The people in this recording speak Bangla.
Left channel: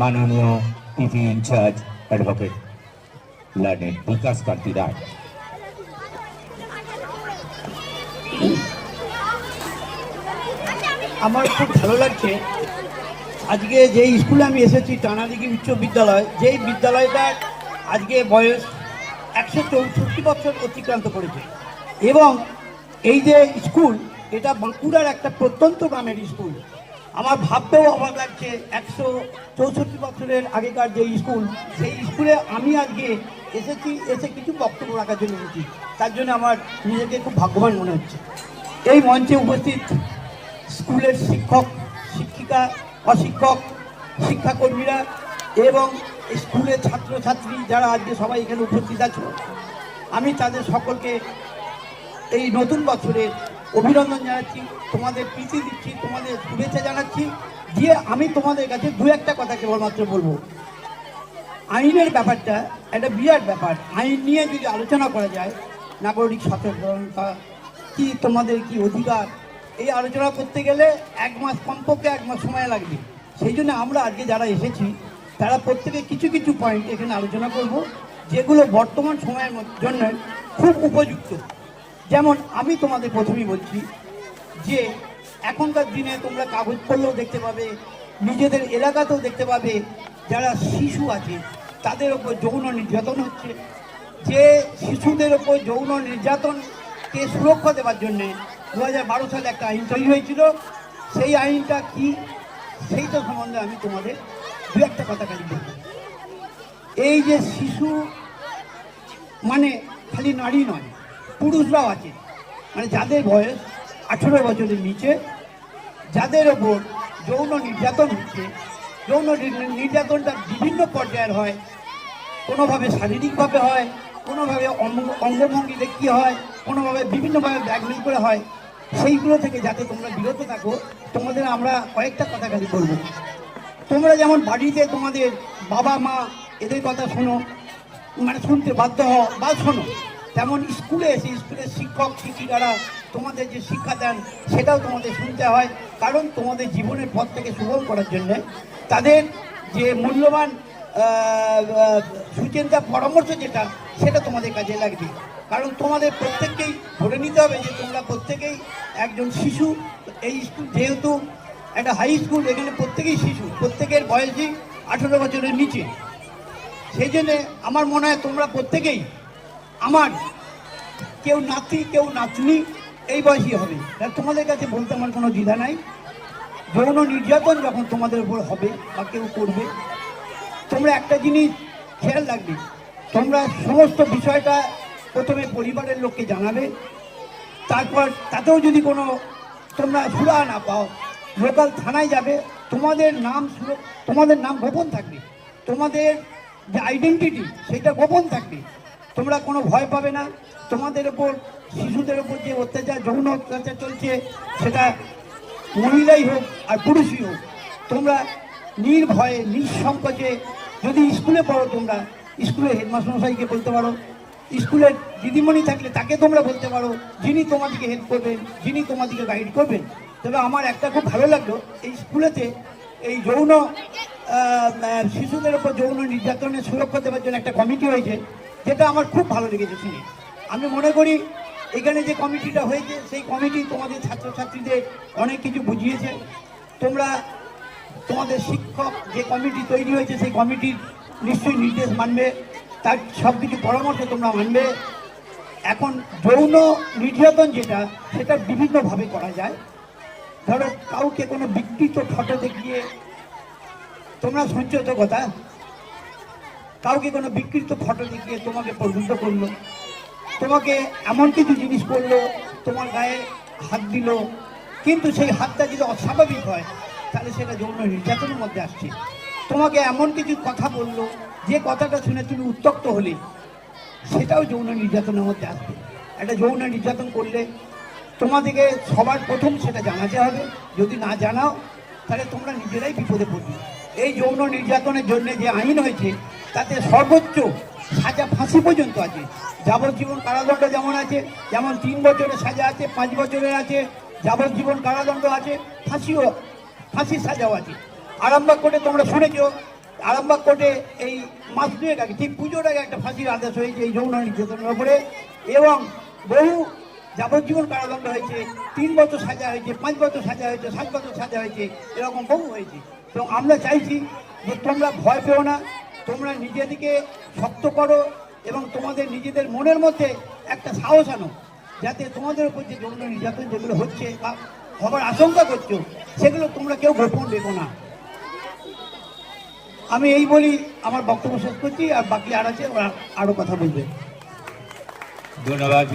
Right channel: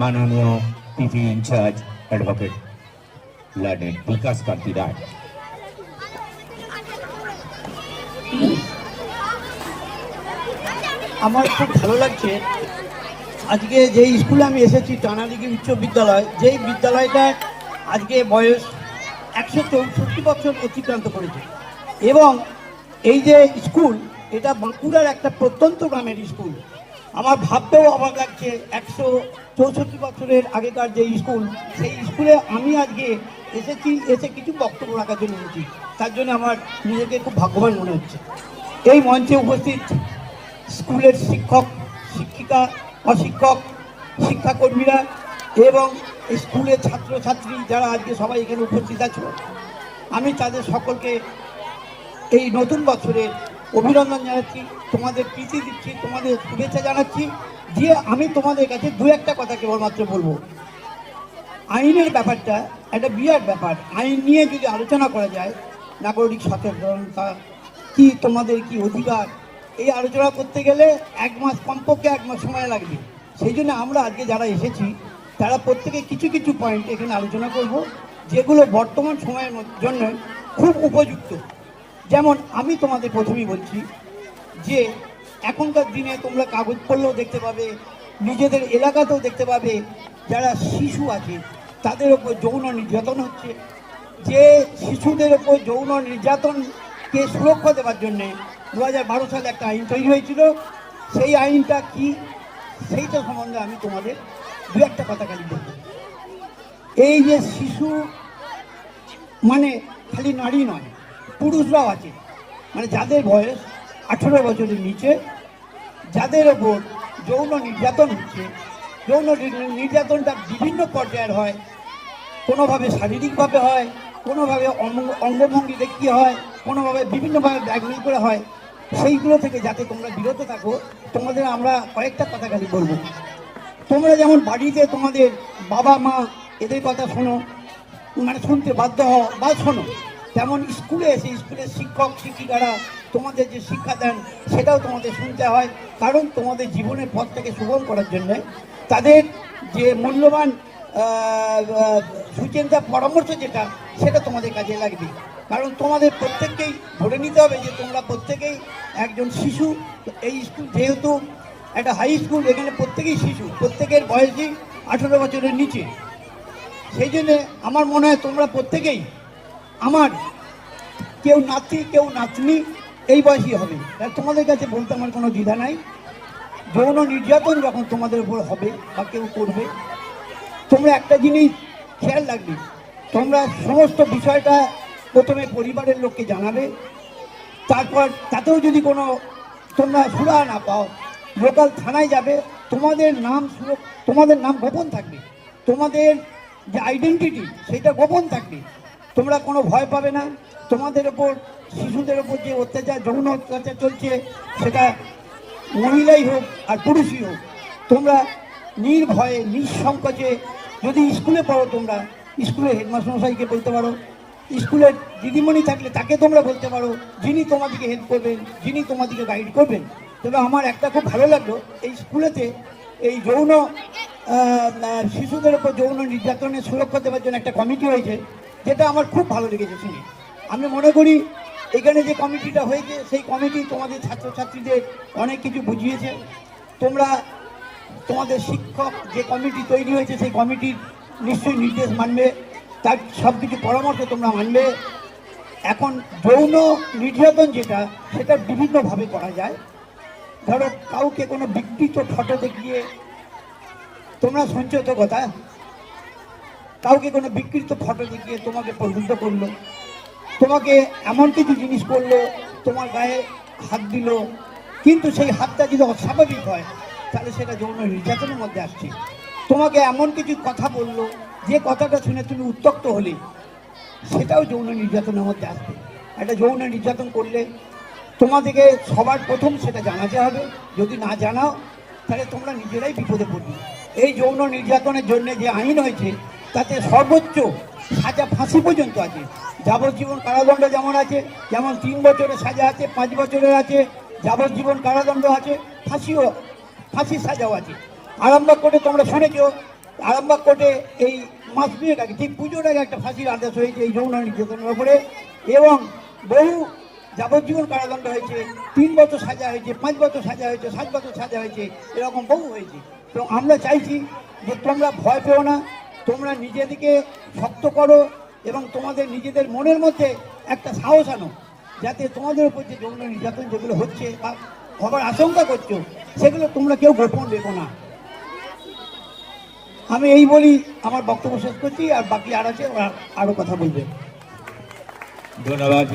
মাননীয় পিপি ইনচার্জ অ্যাডভোকেট লার্নেড বিকাশ কান্তি রায়। আমার খুব ভালো লাগছে আজকে যে স্কুলে আমি এসেছি টানাদিঘি উচ্চ বিদ্যালয়, যেই বিদ্যালয়টা আজকে বয়স 160 বছর অতিক্রান্ত করেছে এবং এই যে স্কুল এটা বাঁকুড়ার একটা প্রত্যন্ত গ্রামের স্কুল। আমার ভাবতেও অবাক লাগছে 164 বছরের আগেকার যে স্কুল, সেই স্কুলে আমি আজকে এসেছি, এসে কিছু বক্তব্য রাখার জন্য এসেছি। তার জন্য আমার নিজেকে খুব ভাগ্যবান মনে হচ্ছে। এই মঞ্চে উপস্থিত স্কুলের শিক্ষক, শিক্ষিকা, অশিক্ষক, শিক্ষাকর্মীরা এবং স্কুলের ছাত্রছাত্রী যারা আজকে সবাই এখানে উপস্থিত আছে, আমি তাদের সকলকে এই নতুন বছরে অভিনন্দন জানাচ্ছি, তোমাদের প্রীতি দিচ্ছি, তোমাদের শুভেচ্ছা জানাচ্ছি। দিয়ে আমি তোমাদের কাছে দু একটা কথা কেবলমাত্র বলবো। আইনের ব্যাপারটা একটা বিরাট ব্যাপার। আইন নিয়ে যদি আলোচনা করা যায়, নাগরিক সচেতনতা কি, তোমাদের কি অধিকার, এই আলোচনা করতে গেলে কমপক্ষে 1 মাস সময় লাগবে। সেই জন্য আমরা আজকে যারা এসেছি তারা প্রত্যেকে কিছু কিছু পয়েন্ট এখানে আলোচনা করব, যেগুলো বর্তমান সময়ের জন্য খুব উপযুক্ত। যেমন আমি তোমাদের প্রথমেই বলছি যে এখনকার দিনে তোমরা কাগজপত্রও দেখতে পাবে, নিজেদের এলাকাতেও দেখতে পাবে যারা শিশু আছে তাদের ওপর যৌন নির্যাতন হচ্ছে। যে শিশুদের ওপর যৌন নির্যাতনকে সুরক্ষা দেওয়ার জন্যে 2012 সালে একটা আইন তৈরি হয়েছিল। সেই আইনটা কি, সেইটা সম্বন্ধে আমি তোমাদের দু একটা কথা খালি বলব। এই যে শিশু মানে খালি নারী নয়, পুরুষরাও আছে, মানে যাদের বয়স 18 বছরের নিচে, যাদের ওপর যৌন নির্যাতন হচ্ছে। যৌন নির্যাতনটা বিভিন্ন পর্যায়ের হয়, কোনোভাবে শারীরিকভাবে হয়, কোনোভাবে অঙ্গভঙ্গি দেখিয়ে হয়, কোনোভাবে বিভিন্নভাবে ব্ল্যাকমেল করে হয়। সেইগুলো থেকে যাতে তোমরা বিরত থাকো, তোমাদের আমরা কয়েকটা কথা খালি বলবো। তোমরা যেমন বাড়িতে তোমাদের বাবা মা এদের কথা শোনো, মানে শুনতে বাধ্য হও বা শোনো, তেমন স্কুলে এসে স্কুলের শিক্ষক শিক্ষিকারা তোমাদের যে শিক্ষা দেন সেটাও তোমাদের শুনতে হয়। কারণ তোমাদের জীবনের পথ থেকে সুগম করার জন্যে তাদের যে মূল্যবান সুচিন্তা পরামর্শ যেটা, সেটা তোমাদের কাজে লাগবে। কারণ তোমাদের প্রত্যেককেই ধরে নিতে হবে যে তোমরা প্রত্যেকেই একজন শিশু। এই স্কুল যেহেতু একটা হাই স্কুল, এখানে প্রত্যেকেই শিশু, প্রত্যেকের বয়সই 18 বছরের নিচে। সেই জন্যে আমার মনে হয় তোমরা প্রত্যেকেই আমার, কেউ নাতি কেউ নাতনি এই বয়সী হবে। তোমাদের কাছে বলতে আমার কোনো দ্বিধা নাই। যৌন নির্যাতন যখন তোমাদের উপর হবে বা কেউ করবে, তোমরা একটা জিনিস খেয়াল রাখবে, তোমরা সমস্ত বিষয়টা প্রথমে পরিবারের লোককে জানাবে। তারপর তাতেও যদি কোনো তোমরা সুরাহা না পাও, লোকাল থানায় যাবে। তোমাদের নাম গোপন থাকবে, তোমাদের যে আইডেন্টিটি সেটা গোপন থাকবে। তোমরা কোনো ভয় পাবে না। তোমাদের ওপর, শিশুদের ওপর যে অত্যাচার, যৌন অত্যাচার চলছে, সেটা মহিলাই হোক আর পুরুষই হোক, তোমরা নির্ভয়ে নিঃসংকোচে, যদি স্কুলে পড়ো তোমরা স্কুলে হেডমাস্টারমশাইকে বলতে পারো, স্কুলের দিদিমণি থাকলে তাকে তোমরা বলতে পারো, যিনি তোমাদেরকে হেল্প করবেন, যিনি তোমাদেরকে গাইড করবেন। তবে আমার একটা খুব ভালো লাগলো, এই স্কুলেতে এই যৌন শিশুদের উপর যৌন নির্যাতনের সুরক্ষা দেওয়ার জন্য একটা কমিটি হয়েছে, যেটা আমার খুব ভালো লেগেছে শুনে। আমি মনে করি এখানে যে কমিটিটা হয়েছে, সেই কমিটি তোমাদের ছাত্রছাত্রীদের অনেক কিছু বুঝিয়েছে। তোমরা তোমাদের শিক্ষক যে কমিটি তৈরি হয়েছে, সেই কমিটির নিশ্চয়ই নির্দেশ মানবে, তার সব কিছু পরামর্শ তোমরা মানবে। এখন যৌন নির্যাতন যেটা, সেটা বিভিন্নভাবে করা যায়। ধরো কাউকে কোনো বিকৃত ফটো দেখিয়ে, তোমরা শুনছো তো কথা, কাউকে কোনো বিকৃত ফটো দেখিয়ে তোমাকে প্রভূত করলো, তোমাকে এমন কিছু জিনিস করলো, তোমার গায়ে হাত দিল, কিন্তু সেই হাতটা যদি অস্বাভাবিক হয় তাহলে সেটা যৌন নির্যাতনের মধ্যে আসছে। তোমাকে এমন কিছু কথা বললো, যে কথাটা শুনে তুমি উত্ত্যক্ত হলে, সেটাও যৌন নির্যাতনের মধ্যে আসবে। একটা যৌন নির্যাতন করলে তোমাদেরকে সবার প্রথম সেটা জানাতে হবে। যদি না জানাও তাহলে তোমরা নিজেরাই বিপদে পড়বে। এই যৌন নির্যাতনের জন্য যে আইন হয়েছে, তাতে সর্বোচ্চ সাজা ফাঁসি পর্যন্ত আছে। যাবজ্জীবন কারাদণ্ড যেমন আছে, যেমন 3 বছরের সাজা আছে, 5 বছরের আছে, যাবজ্জীবন কারাদণ্ড আছে, ফাঁসির সাজাও আছে। আরম্ভ করে তোমরা শুনেছ আরামবাগ কোর্টে এই মাস দুয়েক আগে ঠিক পুজোর আগে একটা ফাঁসির আদেশ হয়েছে এই যৌন নির্যাতনের উপরে, এবং বহু যাবজ্জীবন কারাদণ্ড হয়েছে, 3 বছর সাজা হয়েছে, 5 বছর সাজা হয়েছে, 7 বছর সাজা হয়েছে, এরকম বহু হয়েছে। তো আমরা চাইছি যে তোমরা ভয় পেও না, তোমরা নিজেদেরকে শক্ত করো এবং তোমাদের নিজেদের মনের মধ্যে একটা সাহস আনো, যাতে তোমাদের উপর যে যৌন নির্যাতন যেগুলো হচ্ছে বা খবর আশঙ্কা করছো সেগুলো তোমরা কেউ গোপন রেখো না। আমি এই বলি আমার বক্তব্য শেষ করছি, আর বাকি আর আছে আরো কথা বলবে। ধন্যবাদ।